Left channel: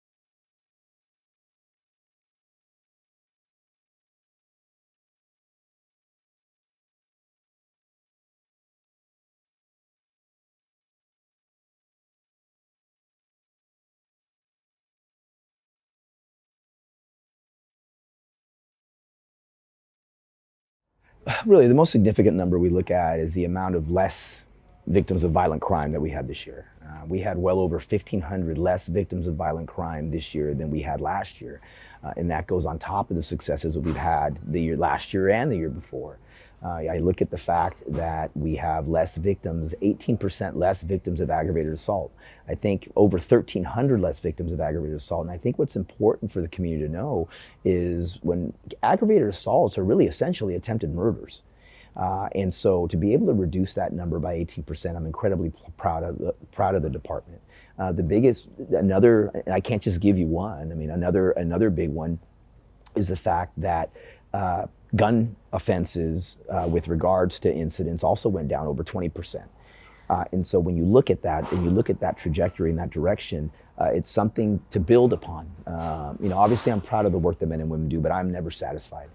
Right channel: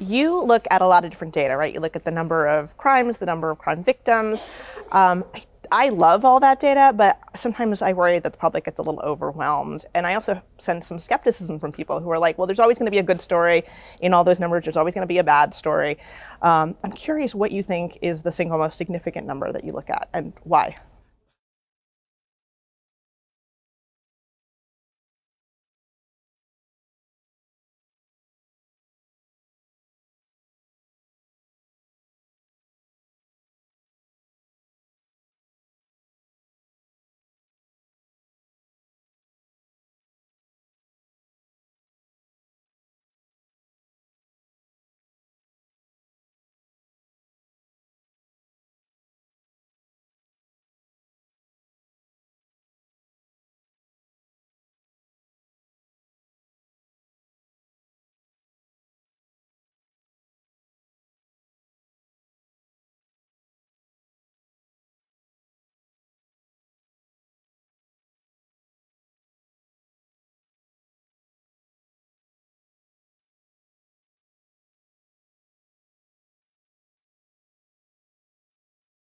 you look at a lot of different data, right? You look at the number of crimes, the number of crime victims. I love all that data, but sometimes I worry that the public gets a little overwhelmed. And I also sense some skepticism from people who are like, well, there's always going to be a good story in all those numbers. There's always going to be a bad story. I'm curious what you think is the single most significant number that you look at and why. Really, the most significant number we look at is the amount of less victims of violent crime that we had this year. We had well over 1,500 less victims of violent crime this year than we had last year. And that goes on top of the successes that we've had last year and the year before. I look at the fact that we have less victims, 18% less victims of aggravated assault. I think over 1,300 less victims of aggravated assault. And I think what's important for the community to know is when aggravated assaults are really essentially attempted murders. And so to be able to reduce that number by 18%, I'm incredibly proud of the department. And I can't just give you one. I mean, another big one is the fact that gun offenses with regards to incidents also went down over 20%. And so when you look at that and you look at that trajectory in that direction, it's something to build upon. Obviously I'm proud of the work that men and women do, but I'm never satisfied.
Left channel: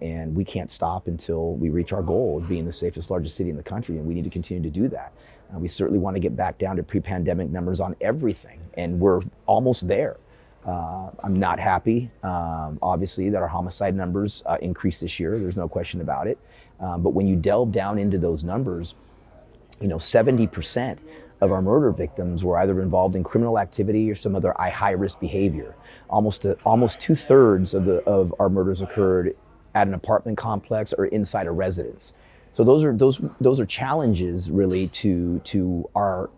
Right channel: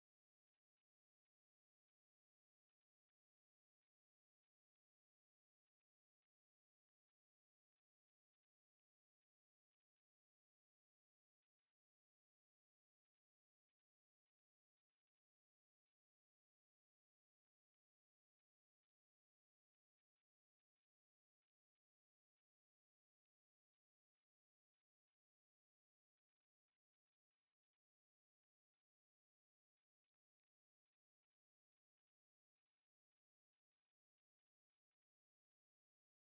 And we can't stop until we reach our goal of being the safest, largest city in the country, and we need to continue to do that. We certainly want to get back down to pre-pandemic numbers on everything, and we're almost there. I'm not happy, obviously, that our homicide numbers increased this year. There's no question about it. But when you delve down into those numbers, 70% of our murder victims were either involved in criminal activity or some other high-risk behavior. Almost 2/3 of our murders occurred at an apartment complex or inside a residence. So those are challenges really to our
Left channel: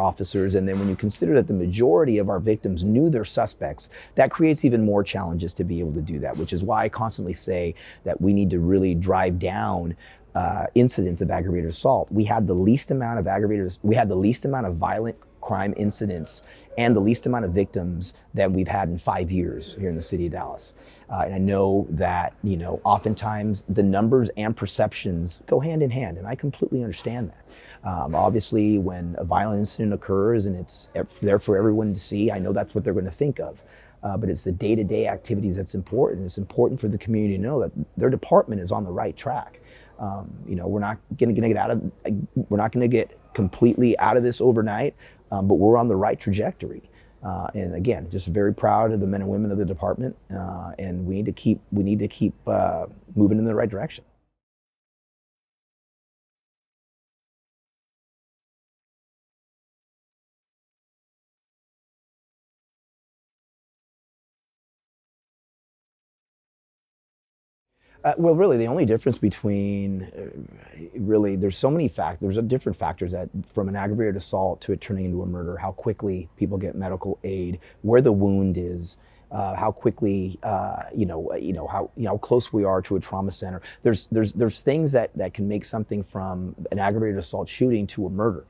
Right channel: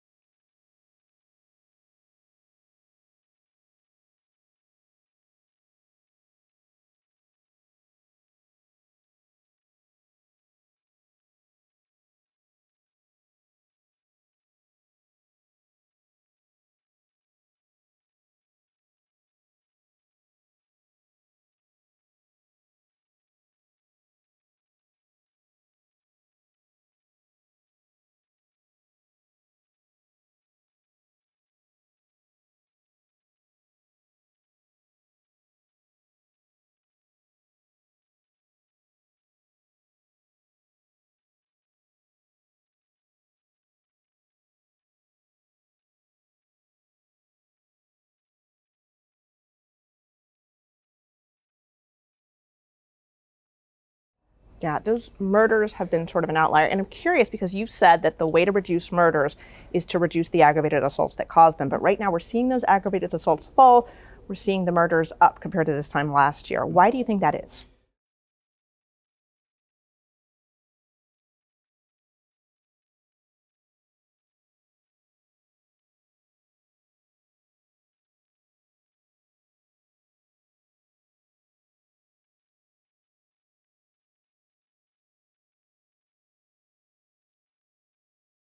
officers. And then when you consider that the majority of our victims knew their suspects, that creates even more challenges to be able to do that, which is why I constantly say that we need to really drive down incidents of aggravated assault. We had the least amount of violent crime incidents and the least amount of victims that we've had in 5 years here in the city of Dallas. And I know that, oftentimes the numbers and perceptions go hand in hand, and I completely understand that. Obviously, when a violent incident occurs and it's there for everyone to see, I know that's what they're going to think of. But it's the day-to-day activities that's important. It's important for the community to know that their department is on the right track. We're not going to get completely out of this overnight, but we're on the right trajectory. And again, just very proud of the men and women of the department, and we need to keep moving in the right direction. Yeah, those murders have been sort of an outlier. And I'm curious because you've said that the way to reduce murders is to reduce the aggravated assaults that cause them. But right now we're seeing those aggravated assaults fall. We're seeing the murders up compared to this time last year. Why do you think that is? Well, really, the only difference between, there's so many factors, there's different factors that from an aggravated assault to it turning into a murder, how quickly people get medical aid, where the wound is, how quickly, how close we are to a trauma center. There's things that can make something from an aggravated assault shooting to a murder.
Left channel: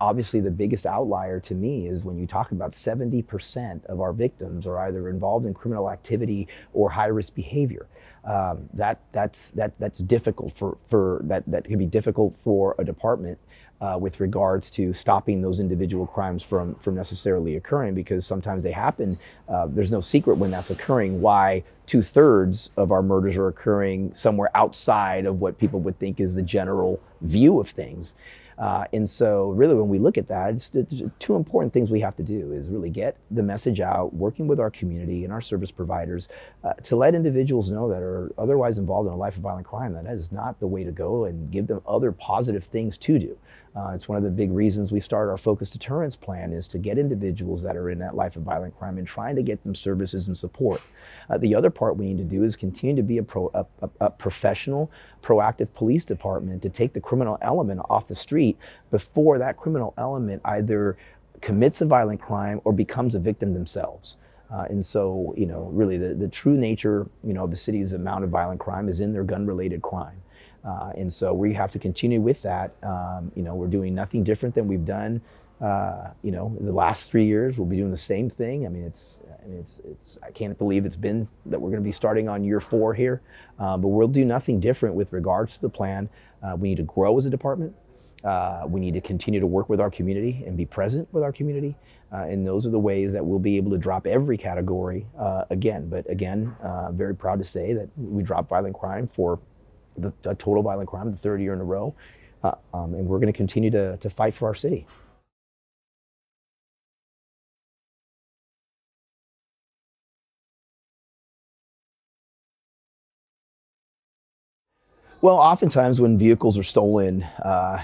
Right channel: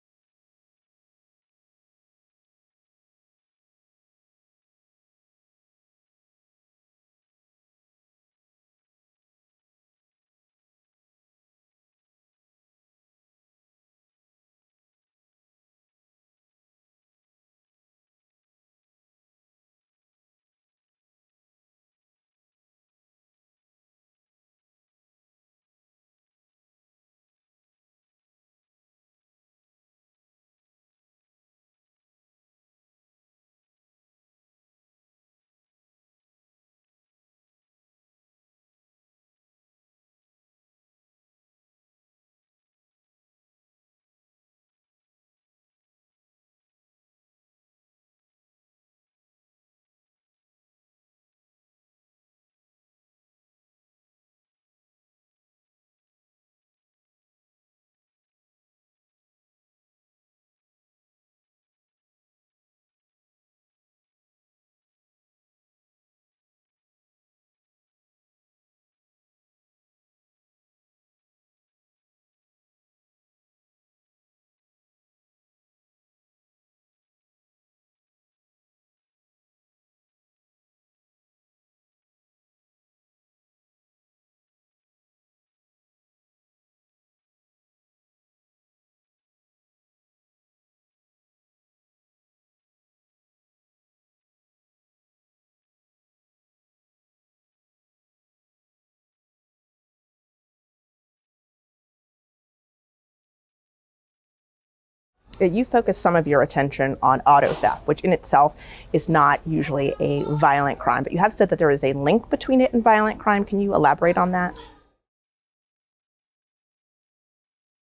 Obviously the biggest outlier to me is when you talk about 70% of our victims are either involved in criminal activity or high-risk behavior. That's difficult that can be difficult for a department with regards to stopping those individual crimes from necessarily occurring, because sometimes they happen. There's no secret when that's occurring why 2/3 of our murders are occurring somewhere outside of what people would think is the general view of things. And so really when we look at that, it's two important things we have to do is really get the message out, working with our community and our service providers to let individuals know that are otherwise involved in a life of violent crime that is not the way to go, and give them other positive things to do. It's one of the big reasons we started our focus deterrence plan, is to get individuals that are in that life of violent crime and trying to get them services and support. The other part we need to do is continue to be a professional, proactive police department to take the criminal element off the street before that criminal element either commits a violent crime or becomes a victim themselves. And so, really the true nature, of the city's amount of violent crime is in their gun-related crime. And so we have to continue with that. We're doing nothing different than we've done, the last 3 years. We'll be doing the same thing. I mean, I can't believe it's been that we're going to be starting on year 4 here, but we'll do nothing different with regards to the plan. We need to grow as a department. We need to continue to work with our community and be present with our community. And those are the ways that we'll be able to drop every category again. But again, very proud to say that we dropped violent crime for the total violent crime the third year in a row. And we're going to continue to fight for our city. You focus some of your attention on auto theft, which in itself is not usually a violent crime, but you have said that there is a link between it and violent crime. Can you elaborate on that? Well, oftentimes when vehicles are stolen, not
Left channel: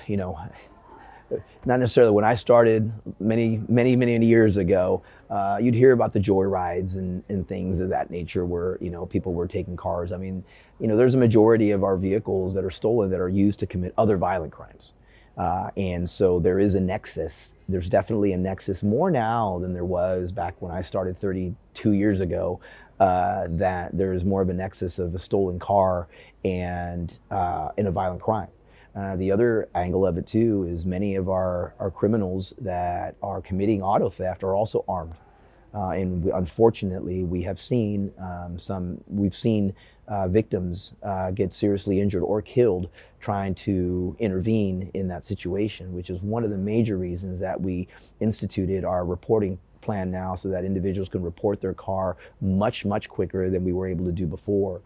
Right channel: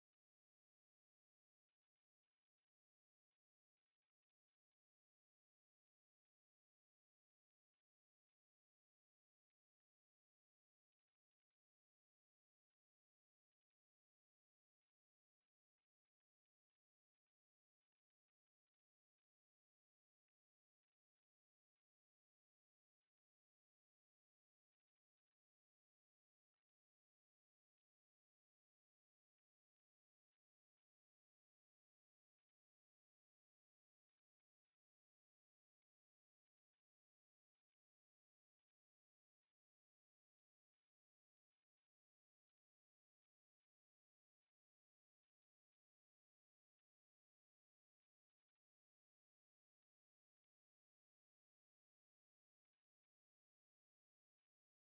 necessarily when I started many years ago, you'd hear about the joyrides and things of that nature where, people were taking cars. I mean, there's a majority of our vehicles that are stolen that are used to commit other violent crimes. And so there is a nexus. There's definitely a nexus more now than there was back when I started 32 years ago, that there is more of a nexus of a stolen car and in a violent crime. The other angle of it too is many of our criminals that are committing auto theft are also armed. Unfortunately, we have seen victims get seriously injured or killed trying to intervene in that situation, which is one of the major reasons that we instituted our reporting plan now, so that individuals can report their car much quicker than we were able to do before,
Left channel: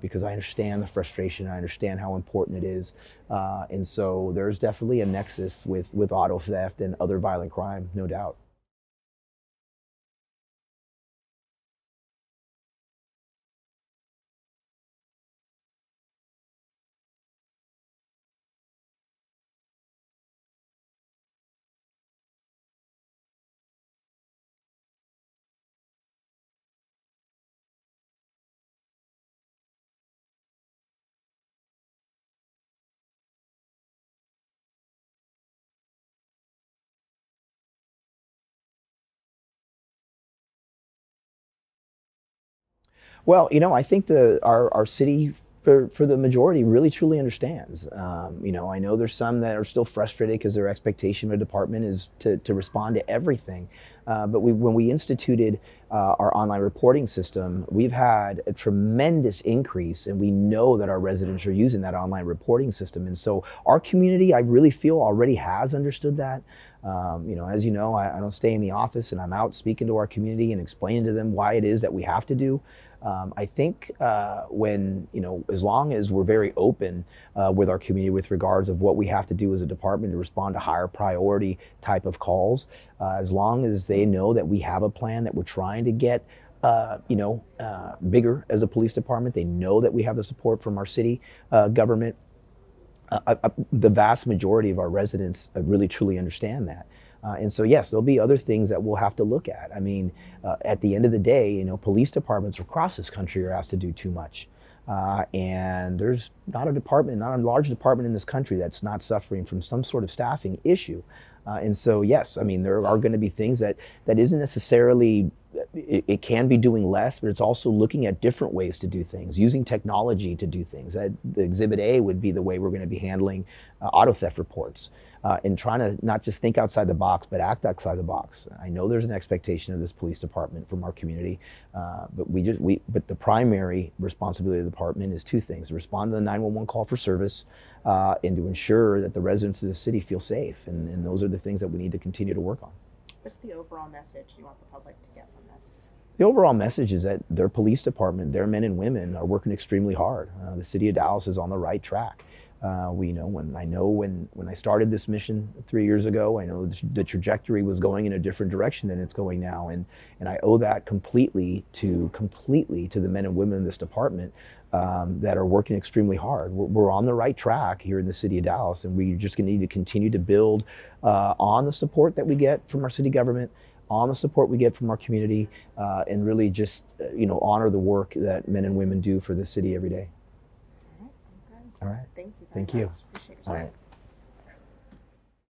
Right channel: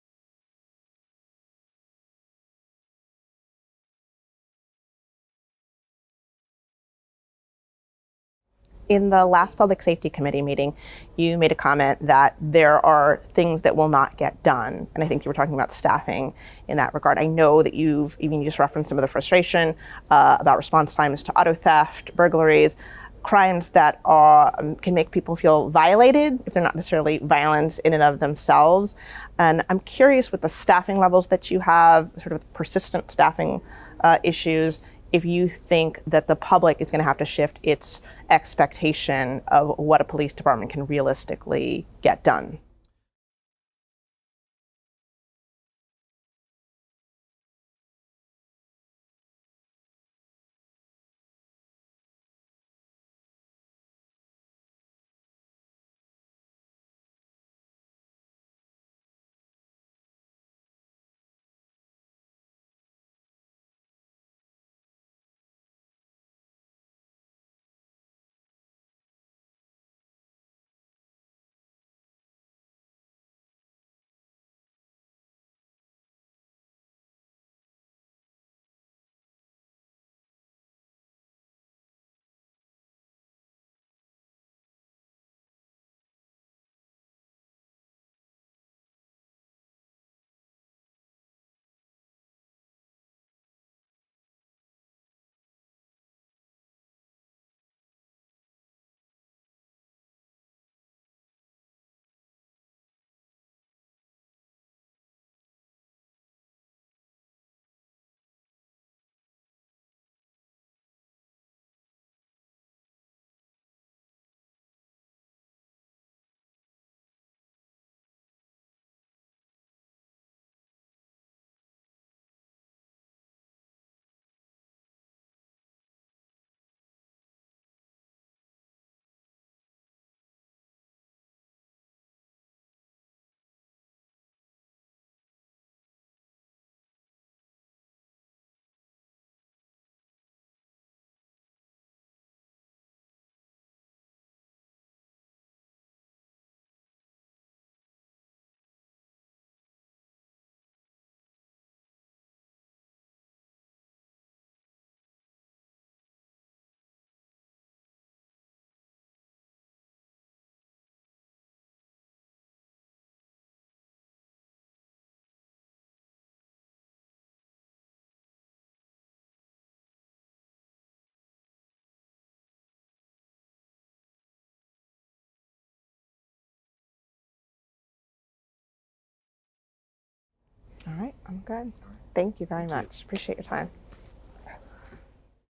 because I understand the frustration, I understand how important it is, and so there's definitely a nexus with auto theft and other violent crime, no doubt. In the last Public Safety Committee meeting, you made a comment that there are things that will not get done. And I think you were talking about staffing in that regard. I know that you just referenced some of the frustration about response times to auto theft, burglaries, crimes that can make people feel violated if they're not necessarily violent in and of themselves. And I'm curious, with the staffing levels that you have, sort of persistent staffing issues, if you think that the public is going to have to shift its expectation of what a police department can realistically get done. Well, I think our city, for the majority, really truly understands. I know there's some that are still frustrated because their expectation of a department is to respond to everything. But when we instituted our online reporting system, we've had a tremendous increase, and we know that our residents are using that online reporting system. And so our community, I really feel, already has understood that. As you know, I don't stay in the office, and I'm out speaking to our community and explaining to them why it is that we have to do. I think as long as we're very open with our community with regards of what we have to do as a department to respond to higher priority type of calls, as long as they know that we have a plan, that we're trying to get bigger as a police department, they know that we have the support from our city government. The vast majority of our residents really truly understand that. And so, yes, there'll be other things that we'll have to look at. I mean, at the end of the day, police departments across this country are asked to do too much. And there's not a large department in this country that's not suffering from some sort of staffing issue. And so, yes, I mean, there are going to be things that isn't necessarily, it can be doing less, but it's also looking at different ways to do things, using technology to do things. The Exhibit A would be the way we're going to be handling auto theft reports, and trying to not just think outside the box, but act outside the box. I know there's an expectation of this police department from our community, but the primary responsibility of the department is two things: to respond to the 911 call for service, and to ensure that the residents of the city feel safe. And those are the things that we need to continue to work on. What's the overall message you want the public to get from this? The overall message is that their police department, their men and women, are working extremely hard. The city of Dallas is on the right track. When I started this mission 3 years ago, I know the trajectory was going in a different direction than it's going now, and I owe that completely to the men and women in this department that are working extremely hard. We're on the right track here in the city of Dallas, and we're just going to need to continue to build on the support that we get from our city government, on the support we get from our community, and really just honor the work that men and women do for the city every day. All right, I'm good. All right. Thank you very Thank you. much. Appreciate your time.